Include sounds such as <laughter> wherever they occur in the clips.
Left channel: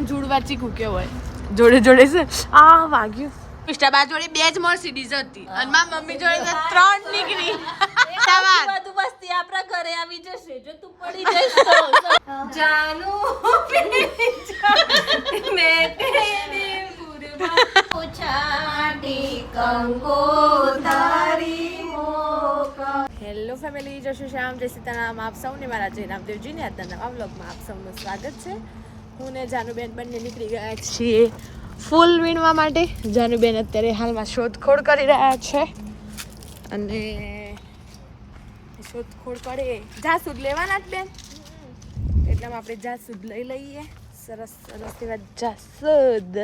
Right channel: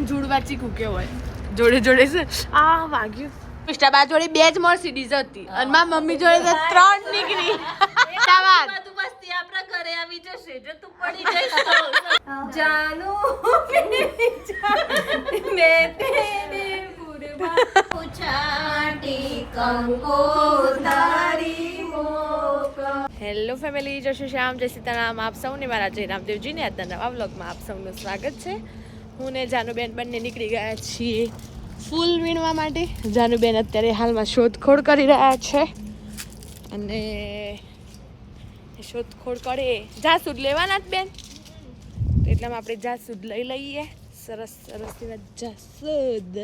આને વાંચી ચીકું કેવાય જોડે જોડે છે? આ વાગ્યું. મિસ્ટાબા જોડે બે જ મર્સિડીઝ હતી. અને મા મમ્મી જોડે તો ત્રણ નીકળી તાવાત. બધું વસ્તી આપણા ઘરે આવી જશે જો તું પડી જઈશ તો. જાનુ. મે તેરે ગુરબાન પૂછાટી કંકો તારી હેલો ફેમિલી જય શ્રી શ્યામ જય સીતારામ. આપ સૌને મારા જય રામદેવજીને આજના નવા વ્લોગમાં આપ સૌનું સ્વાગત છે. હું ને જાનુબેન બંને નીકળી ગયા છીએ ફૂલ વીણવા માટે. જાનુબેન અત્યારે હાલમાં શોધખોળ કરી રહ્યા છે. અને શોધખોળ કરે. જાસૂદ લેવાના જ બેન. એટલામાં આપણે જાસૂદ લઈ લઈએ. સરસ સરસ એવા જાસૂદ.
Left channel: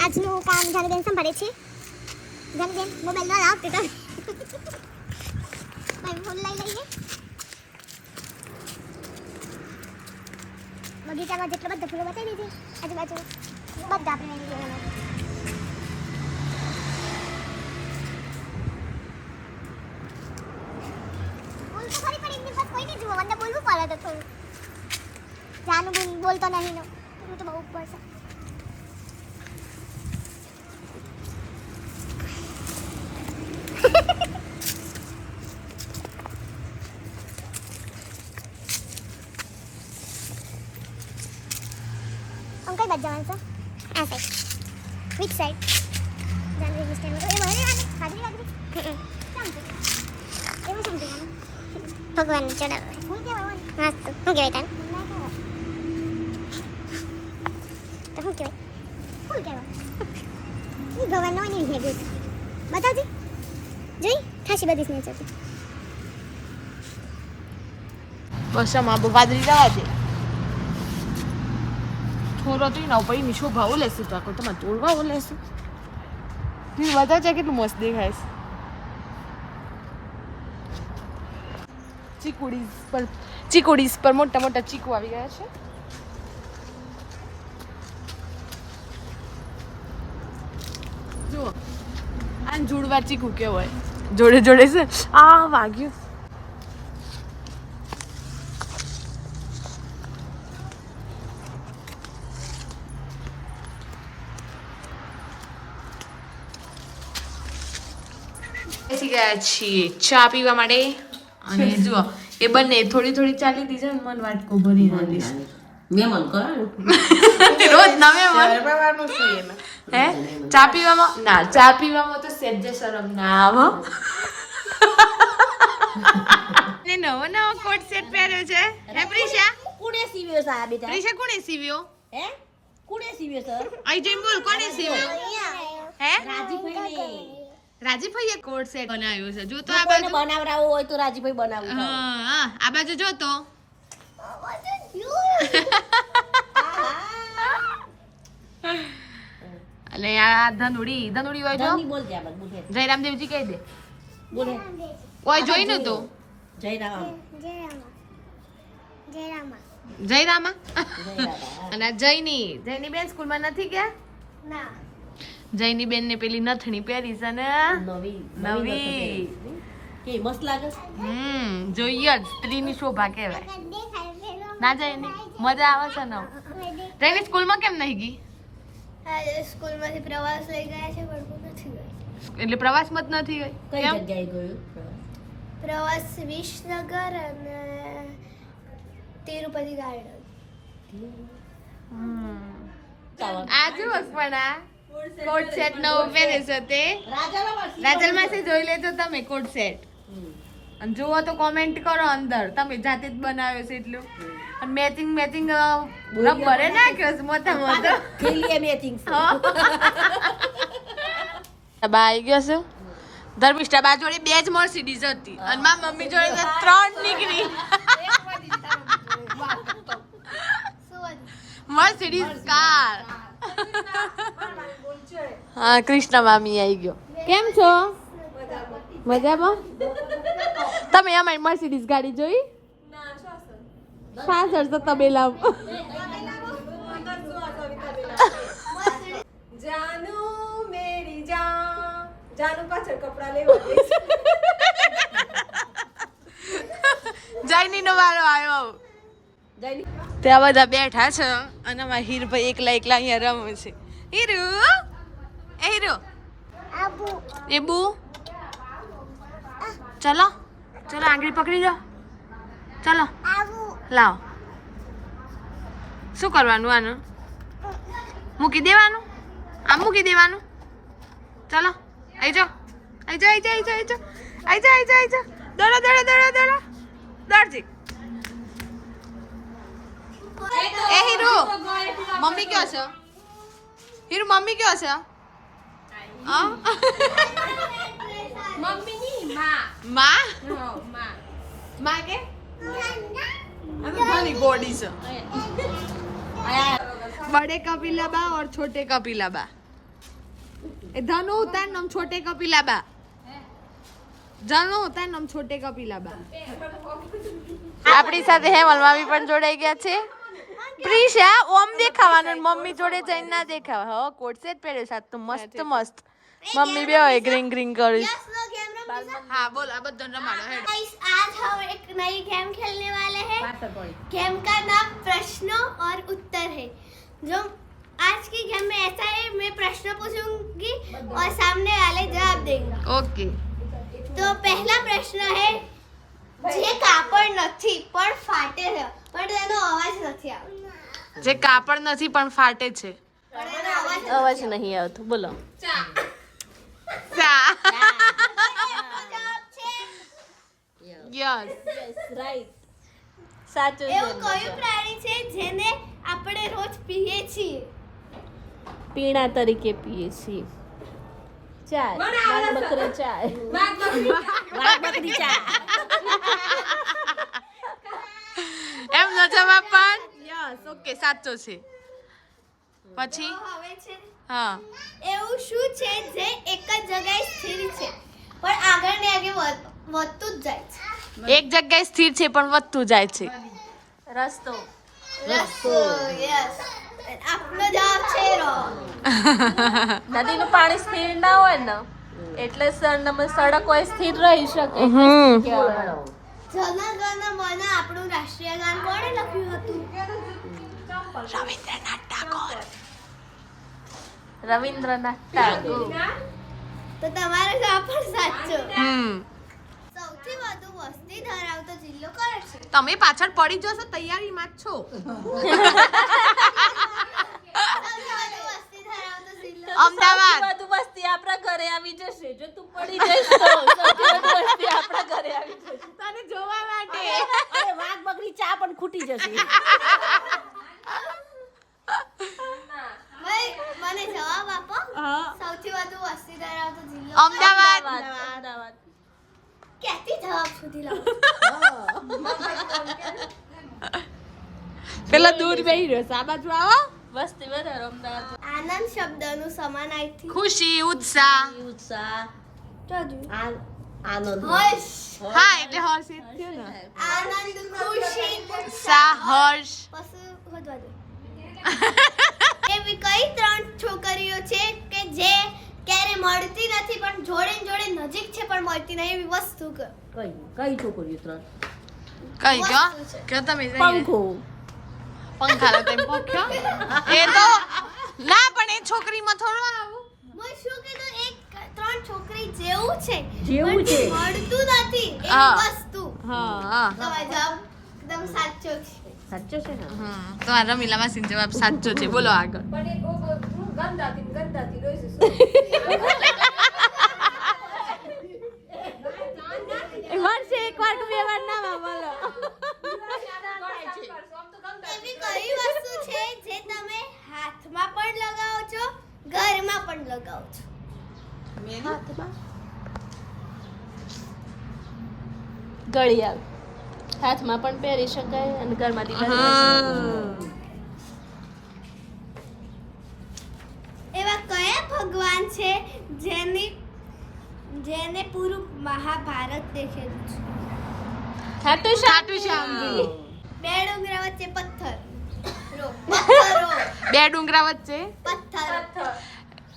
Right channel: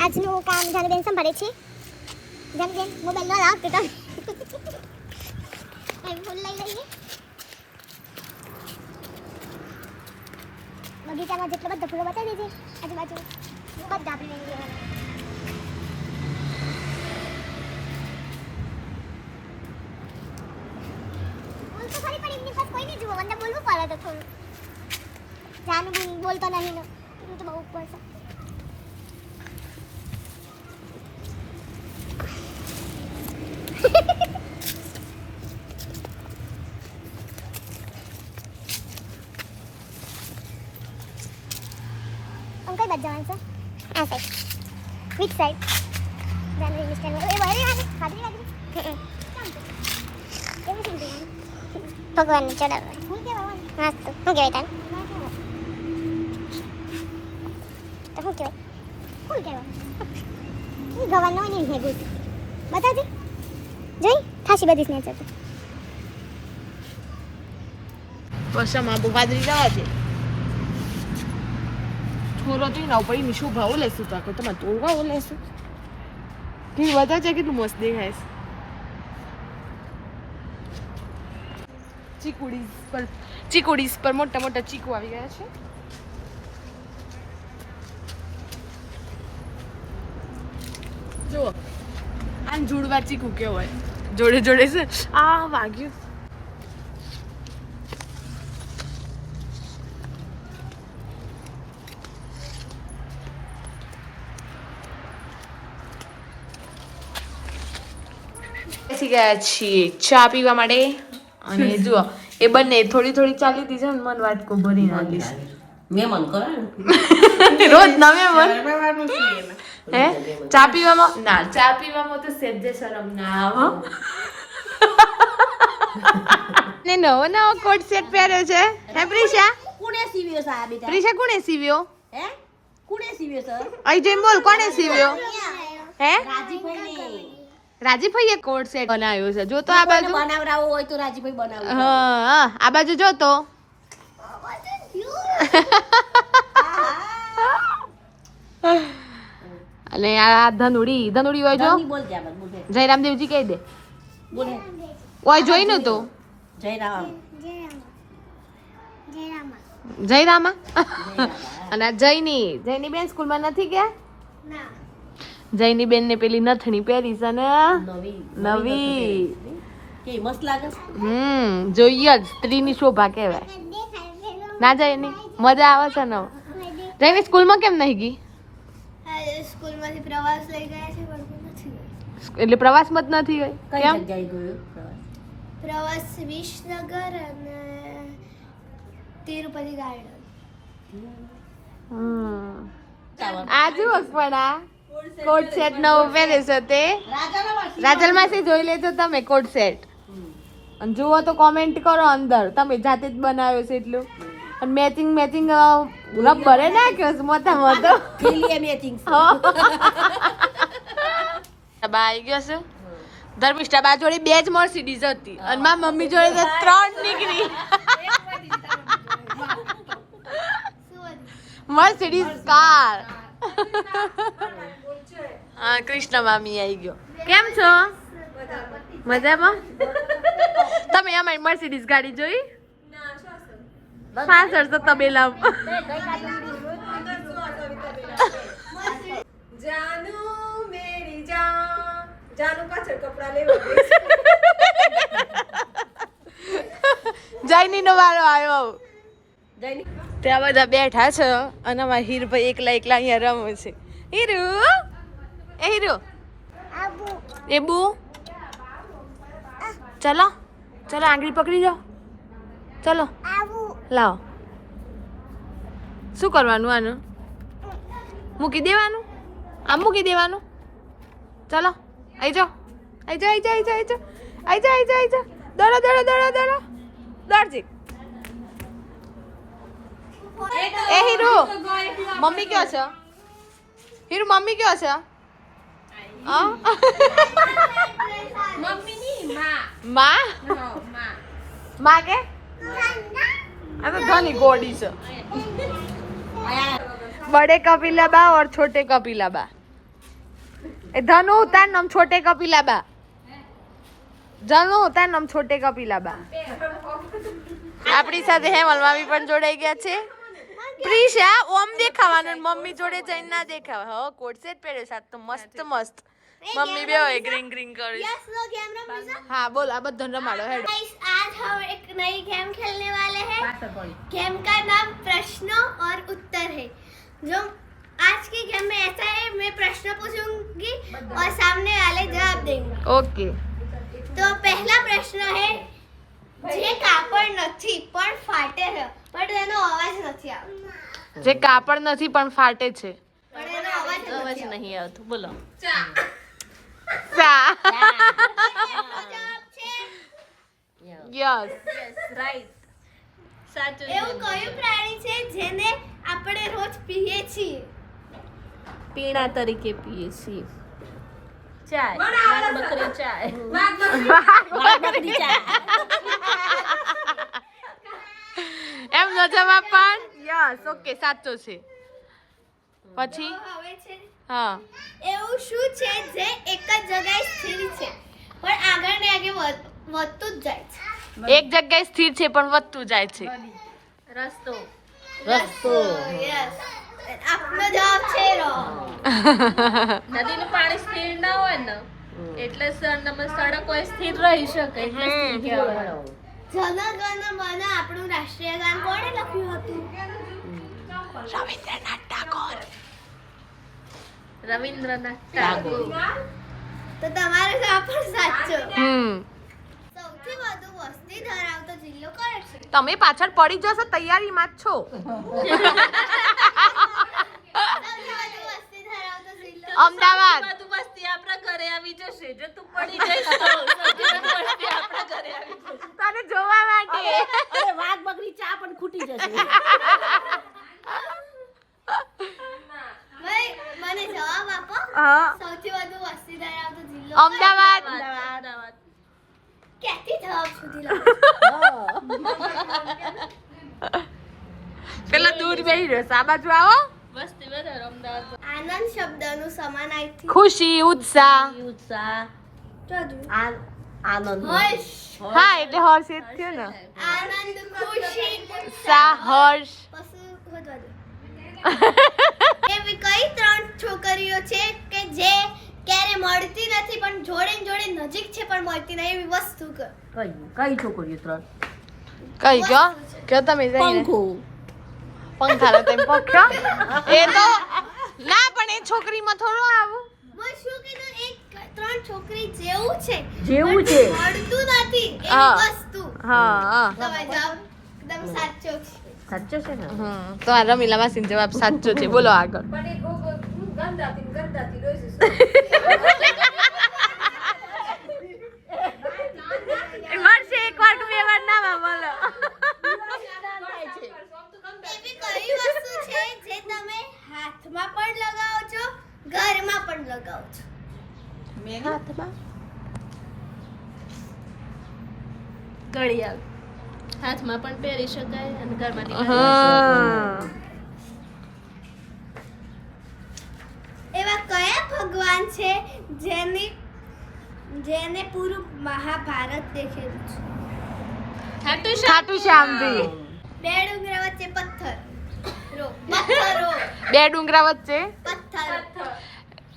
આજનું કામ જાનુબેન સંભાળે છે. જાનુબેન મોબાઈલ ન લાવ, તો <laughs> તમે લઈ લઈએ. બગીચામાં જેટલો બધો ફૂલો બતાવી દીધી આજુબાજુ બધા આપણે લઈ લેવાના બોલ તો ખરી પણ એમની પાસે કોઈ નહીં જુઓ મને બોલવું પડે તો થોડું જાનુબેન બોલતો નહીં નો એવું તો બહુ ઉપર છે આમ કઈ બાજુ જવાનું છે? આ સાઈડ વિચ સાઈડ જાનવી મિસ્ટેન એ વારી વારી ખાધી લાગી એવું શું ભગવાનને ચડાવવા હું કેવાય મસ્ત. હું કહેવાય કહેવાય તો શું કહેવાય? ફૂલ કહેવાય ઈ ગવાન નો નહીં હે ગુડ બતાજી જોઈ? ખાસી બધી સ્નેચર છે બસ આમાં બહુ વાદળી રહેવા દે થોડો ના ઉપર એની શોભા લેશું શું તાકો તમારે તોડવા ઓલે શું કેવી બધા છે કેટલું મસ્ત દેખાય છે. ચીકુડીસ પર ચીકુડીસ પર મોટા મોટા ચીકુ આવી ગયા છે. જુઓ આ જોડવા ચીકુ હોય. જોડે જોડે છે. આ વાગ્યું. બેસી ગયા છીએ ચા પીવા માટે. અને <laughs> જુઓ એ બંને થોડી થોડી ચાલી હતી છે ને મન વાટકો ભરી નાખી મન કરે રોજ નવે મન. હે? ચા પીવામાં? ના ચા પીવામાં તો સેજે શરમ ના આવો. <laughs> ને નવો નવો કોટ સેટ પહેર્યો છે. હે પ્રિશા? કુણે સીવ્યો છે આ બેટા? પ્રિશા કોણે સીવ્યો? હે? કુણે સીવ્યો છે? અહીં જેમ બોલ કોણે સીવ્યો? હે? રાજીભાઈ રાજીભાઈએ કોડ સેટ બનાવ્યો છે. જો તો આ બાજુ બનાવરાવો હોય તો રાજીભાઈ બનાવે હા હા, આ બાજુ જો તો. અને આ ધનુડી ધનુડી હોય જો. જયરામદેવજી કહી દે. બોલે. ઓય જોઈ તો જયરામ જય રામા જયરામા. અને જયની જયની બેન સ્કૂલમાં નથી ગયા? ના. જયની બેન ને પેલી નથણી પહેરી છે ને નવી નવી. કે મસ્ત લાગે હમ જોઈએ જ. સ્ત્રીની શોભા કહેવાય. ના જાય ને મજા આવે છે ને જયની સ્કૂલમાં કેમ નહીં ગઈ? સ્કૂલમાંથી પ્રવાસ લઈ ગયા છે પણ નથી એટલે પ્રવાસમાં જ નથી ગઈ? કઈ જગ્યાએ ગયો પ્રવાસ? વિસનગર અને તિરુપતિ ગાર્ડન. હમ. આ જુઓ પણ આ. કોટ સેટ નો પહેરે છે તે. રાજલ માસી જોઈ લેજો તમે કોટ સેટ અને જુઓ તો કોમેન્ટ કરો અંદર. તમે જાતે જ બનાવ્યો છે એટલું. અને મેચિંગ મેચિંગ રબરે નાખ્યો છે. મોટા મોટો. થેલીએ મેચિંગ બા આવી ગયો છે. ધર્મિષ્ઠા બા જોડે બે જ મર્સિડીઝ હતી અને મારા મમ્મી જોડે ત્રણ નીકળી. <laughs> <laughs> Mercedes car. હા કૃષ્ણ મામી આવી ગયો. કેમ છો? મજામાં? તમે અમારી મર્સિડીઝ ગાડી જોઈ? પાછળ તો તબેલા જાનુ મેરી જાન. જાનુ પાછળ કપડા લેવા જયની નો વારો આવ્યો. ત્યાં બધા બેઠા છે અને અમારા હીરભાઈ એકલા એકલા અહીંયા રમે છે. હીરુ! એ હીરુ. એ બુ ચલો ચલો આંગળી પકડી જાઓ ચલો. લાવો. શું કરવાનું આનું? મૂકી દેવાનું? આમ મૂકી દેવાનું? ચલો આવી જાઓ આવી જાઓ આવી જાઓ આવી જાઓ આવી જાઓ આવી જાઓ આવી જાઓ દોડો દોડો દોડો દોડો. દોડજી. એ હીરુ. મમ્મી કયો છે? હીરુ મમ્મી કયો છે? Oh. મમ્મી ની માં માં માં માં કે આ તો ઘણી ગોડી છે. બડે કપિલા બા ઓર છોટે કપિલા બા? એ ધનુ ઉતાર નમ છોટે કપિલા બા. ધનુ ઉતાર નમ છોટે કપિલા બા. આપણી સાથે હેમલ મામી પણ જોડાઈ ગયા છે. પ્રિશા ઓમ દેખાવાનું મમ્મી જોડે જઈને ના દેખાવા. હો કોટ સેટ પહેર્યો સાત તો મસ્ત મસ્ત. મમ્મી બે હોય ગ્રીન ગ્રીન કરી હા બોલ આ બધો રમાડો હેડ गाइस आज हम एक नई गेम खेलने वाले हैं गेम का नाम प्रश्नों और उत्तर है जो आज की गेम में ऐसा है मैं प्रश्न पूछूंगी और सामने वाले जवाब देंगे ઓકે તો પહેલા પ્રશ્ન છે જે કાપડ નથી પણ ફાટે છે પણ તેનો અવાજ નથી આવતો જે કાપડ નથી પણ ફાટે છે પણ એનો અવાજ અવાજ નહીં આવતો બોલો સા છે યસ સાચું એવું કયું પ્રાણી છે જેને આપણે રોજ પીએ છીએ? પીણા તરીકે પીએ છીએ. ચાય. બાર બકરી ચાય. બાર બકરી ચાય. એમ નો જવાબ પણ? યસ ઓકે સાચો છે. પછી? હા એવું શું છે જે એક જ જગ્યાએ સ્થિર છે? પણ આગળ ને આગળ વધતું જ જાય છે. એક જગ્યાએ સ્થિર છે પણ વધતું જાય છે. રસ્તો. રસ્તો યસ આપનો જવાબ છે રો. <laughs> નદીનું પાણી સ્થિર ના હોય ને એટલે સડક હોય સ્થિર રહી શકે. હમ. જન મને મન આપણું રાષ્ટ્રીય ગાન કોણે લખ્યું હતું? રવિન્દ્રનાથ ટાગોર રવિન્દ્રનાથ ટાગોર તો તમારો જવાબ પણ સાચો. હમ. સૌથી વધુ વસ્તી ધરાવતો જિલ્લો કયો છે? તમે પાછળ પડી જશો તૈયારીમાં જ છો. સૌથી વધુ વસ્તી અમદાવાદ. બધું આપણા ઘરે આવી જશે જો તું પડી જઈશ તો સૌથી વધુ વસ્તી આપણા ઘરે આવી જશે. તને જોવા માટે. વાઘ બકરી ચા પણ ખૂટી જશે ભાઈ મને જવાબ આપો હા. સૌથી વધુ વસ્તી ધરાવતો જિલ્લો અમદાવાદ. અમદાવાદ. ક્યાંથી જવાબ શોધી લો <laughs> પેલો દૂર બેહી રહ્યો છે. આ બાજુ આવો. વસ્તી વધારો અમદાવાદ. આનંદ શબ્દનું સમાન આઈથી. ખુશી ઉત્સાહ. ઉત્સાહ. આનંદ. હર્ષ. હા એટલે હર્ષ એ થયો ને. આનંદ ખુશી ઉત્સાહ હર્ષ. પશુ વધવા દો. <laughs> એવી કઈ ત્રણ છોકરીઓ છે જે ક્યારે મળતી નથી પણ જોડે ને જોડે નજીક છે પણ મળતી નહીં એવી વસ્તુ કઈ કઈ છોકરીઓ ત્રણ. કઈ કયો કયો તમે પંખો. પંખા લો તેમ પંખ્યો એ તો ના પણ એ છોકરીમાં થોડું આવું. મેં શું કીધું એક ત્રણ છોકરી જેવું છે જેવું છે. મળતું નથી એ વસ્તુ. હા હા. તમારો જવાબ એકદમ સાચો છે. સાચો છે હા તો આ રમીલા માસીનો જવાબ સાચો છે. બોલો આગળ. પણ એ બહુ એ <laughs> મળશે એક વાર બે વાર ના માં બોલો એવી કઈ વસ્તુ છે જે તમે હાથમાં પણ લગાવો છો ઘરમાં પણ લગાવો છો? ઘડિયાળ. હાથમાં પણ પહેરી શકાય અને ઘરમાંથી પણ હા એવા કયા છે જેની જેને પૂરું મહાભારત દેખેલું છે. ખાટુ શ્યામજી બે ડુંગરા વચ્ચે પથ્થર. રો <laughs> પથ્થરો બે ડુંગરા વચ્ચે? પથ્થર.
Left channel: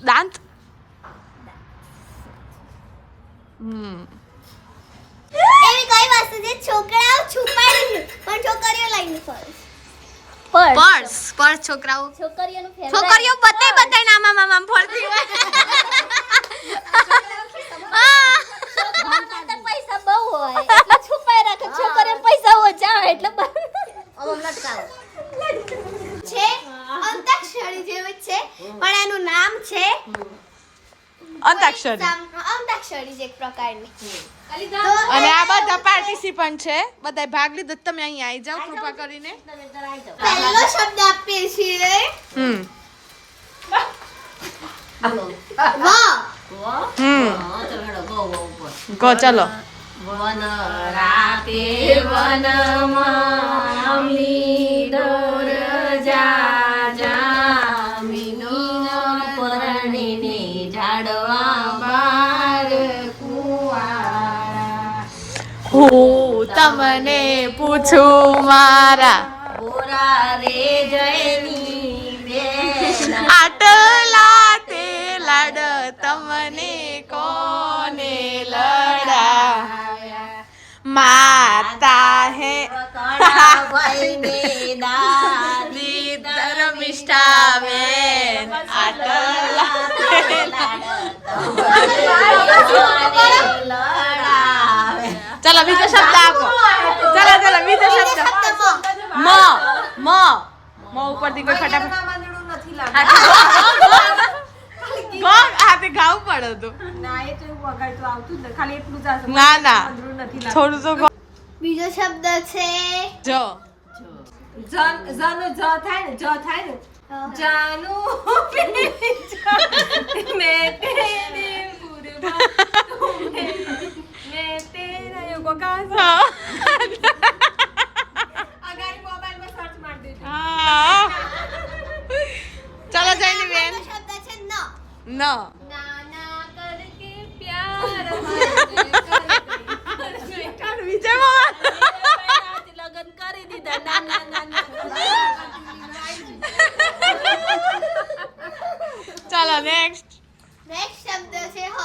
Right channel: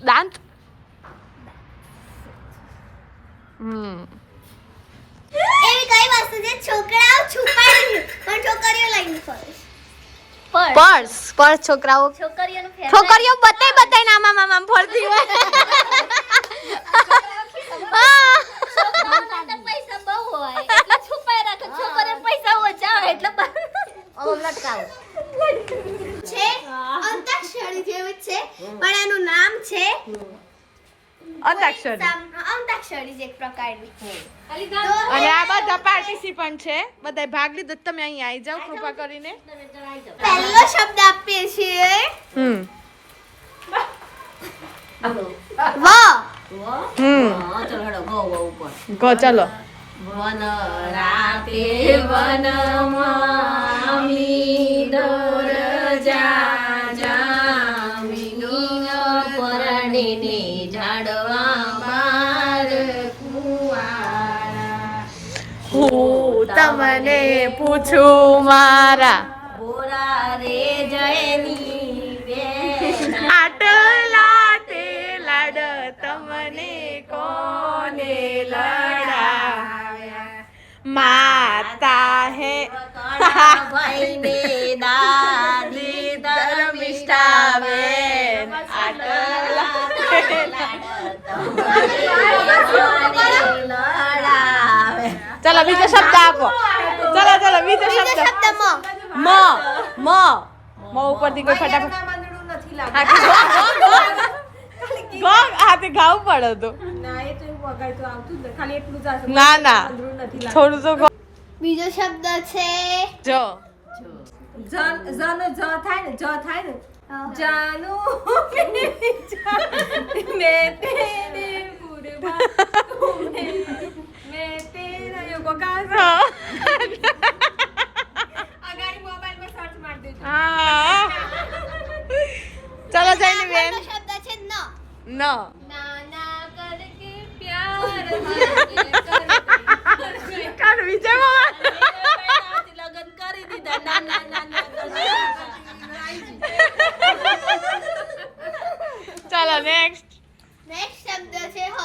દાંત? હમ. એવી કઈ વસ્તુ છે? છોકરાઓ છુપાડી પણ છોકરીઓ લઈને ફરે? પર્સ. પર્સ છોકરાઓ. છોકરીઓ બતાય બતાય નામા મામા ફરતી હોય. પૈસા બહુ હોય. એટલે છુપાઈ રાખે છોકરીઓને પૈસા ઓછા એટલે છે અંતાક્ષરી જેવું છે. પણ એનું નામ છે અંતાક્ષરી. અંતાક્ષરી જ એક પ્રકારની. અને આ બધા પાર્ટિસિપન્ટ છે. બધા ભાગ લીધો. તમે અહીં આવી જાઓ કૃપા કરીને. પહેલો શબ્દ આપીએ છીએ. હમ. વ. હમ. ગો ચલો. વન રાતે વનમાં મીડર હું તમને પૂછું મારા આટલા તે લાડ તમને કોને લડા માતા હે. ભાઈને દાદી ધર્મિષ્ઠા બેન આટલા ચલો બીજો શબ્દ આપો ચલો ચલો બીજો શબ્દ શબ્દ મ મ મ મ ઉપરથી કોઈ ફટાફટ મંદડું નથી હા, ગો, ગો, ગો. ગો, હા તે ગાવું પડે તો ના એ તો એવું વગાડતું આવતું જ ને ખાલી એટલું જ આવશે ના ના મંદડું નથી લાગતું થોડું તો ગો. બીજો શબ્દ છે જો જન જન જ થાય ને જ થાય ને <laughs> જાનુ મેં તેરે કુરબાન મેં તેરા સર્ચ મારી દેજો. હા. ચલો જઈને બેન. શબ્દ છે ન. ન. નાના કરકે પ્યાર કાન વિજય મામા લગન કરી દીધા. ના ના ના ના. ચલો નેક્સ્ટ નેક્સ્ટ શબ્દ છે હ.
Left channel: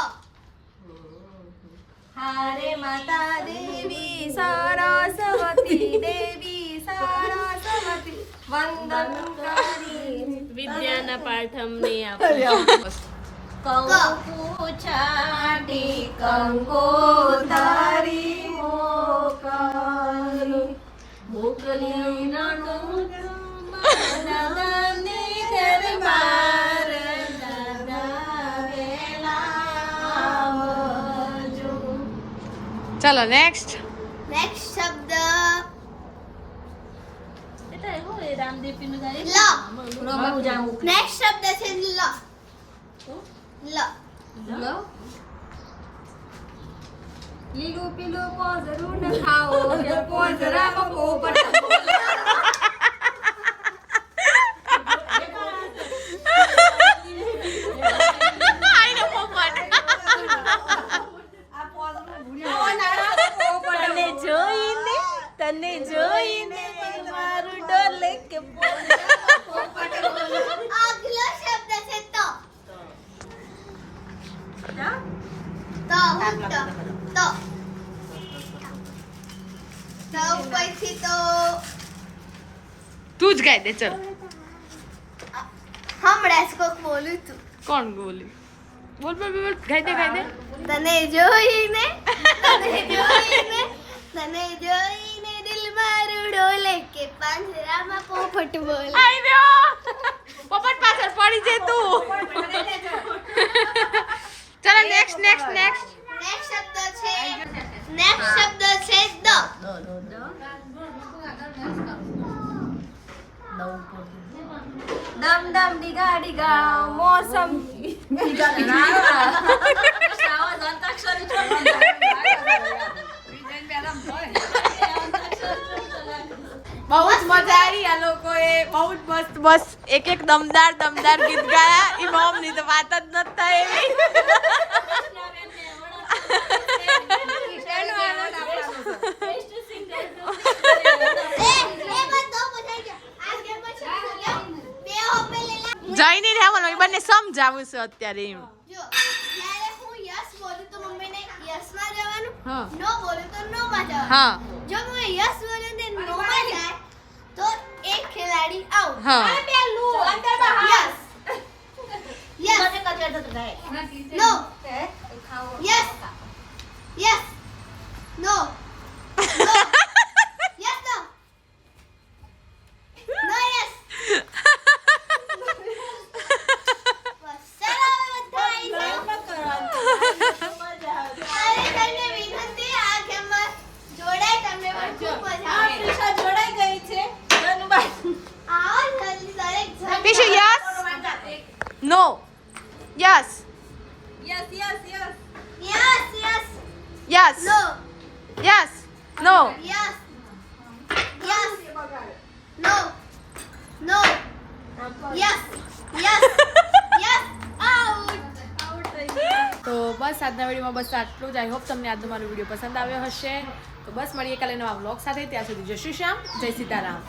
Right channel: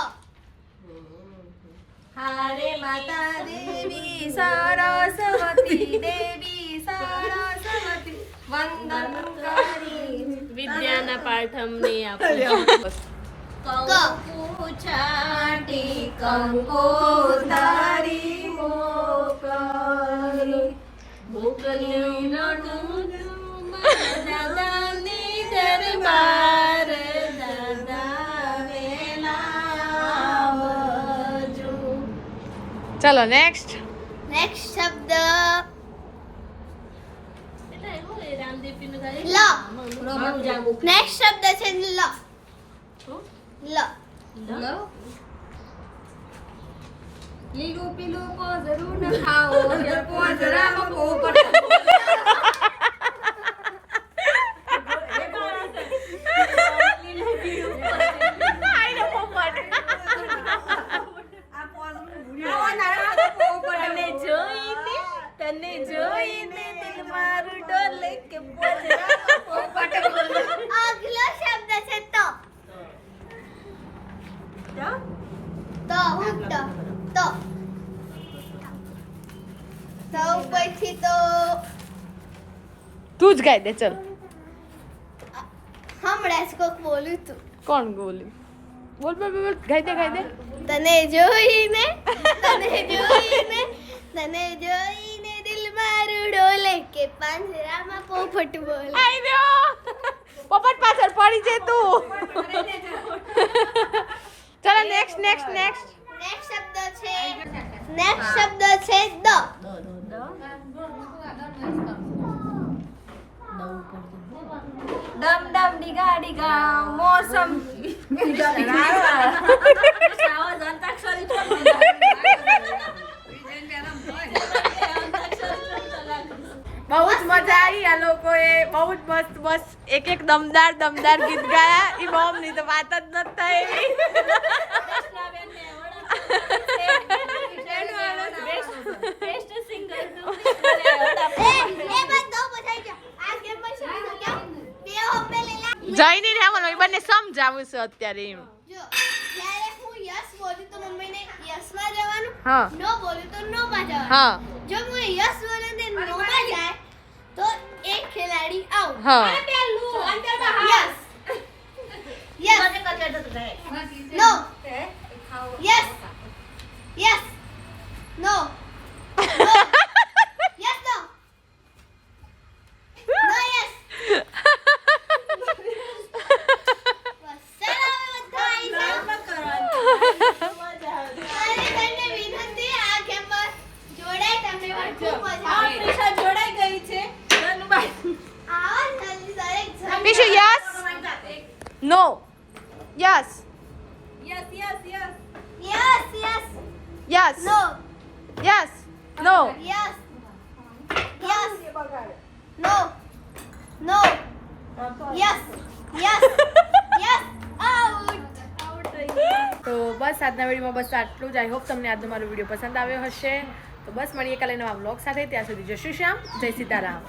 હારે માતા દેવી સરસ્વતી દેવી સરસ્વતી. વંદન કરી. વિદ્યાના પાઠમને આપો. ક કંકુ છાટી કંકો તારી મોકલી. મોકલી ચલો નેક્સ્ટ નેક્સ્ટ શબ્દ. નેક્સ્ટ શબ્દ છે લ. લ. લીલું પીલું પોઝરું ન ખાઓ કો જરા પોપટ આઈને પોપટ તને જોઈને તને જોઈને દિલ મારું ડોલે કે આગલો શબ્દ છે તો તો હું તો તો તો પછી તો તું જ ગાઈ દે ચલ હમણાં જ કોક બોલું તું કોણ બોલી બોલ બોલ બોલ ગાઈ દે ગાઈ દે તને જોઈને તને જોઈને તને જોઈને દિલ મારું ડોલે કે પાંજરામાં પોપટ બોલે આઈ રહ્યો પોપટ પાછળ પડી જે તું ચલો નેક્સ્ટ નેક્સ્ટ નેક્સ્ટ શબ્દ છે નેક્સ્ટ શબ્દ છે દ દમ દમ બહુ જ મજા આવી આ લોકોએ, બહુ જ મસ્ત મસ્ત એક એક દમદાર દમદાર ગીત ગાયા. ઈ મોમની તો વાત જ નથી થાય એવી એ એ બાત તો બતાઈ દો આ ગેમમાં શું છે બે હો પેલેલા જઈને રહેવાનું એ બંને સમજાવું છે અત્યારે એમ. જો હું યસ બોલું તો મમ્મીને યસમાં જવાનું હા નો બોલું તો નો માં જવાનું હા જો હું યસ બોલું ને નો માં જાય તો એક ખેલાડી આઉટ હા yes yes no yes yes no yes no no yes જોડાય તમને પણ ખૂબ મજા આ આવે પ્રિશા જોડાઈ ગઈ છે જાનુભાઈ આવો જલ્દી દરેક જણ પીશુ yes no yes yes yes yes. Yes, yes. Yes. No Yes. No. Yes yes No. No. Yes. Yes. Yes out out થઈ ગઈ તો બસ આજના વિડીયોમાં બસ આટલું જ આઈ હોપ તમને આજનો મારો વીડિયો પસંદ આવ્યો હશે તો બસ મળીએ કાલે નવા વ્લોગ સાથે ત્યાં સુધી જય શ્રી શ્યામ જય સીતારામ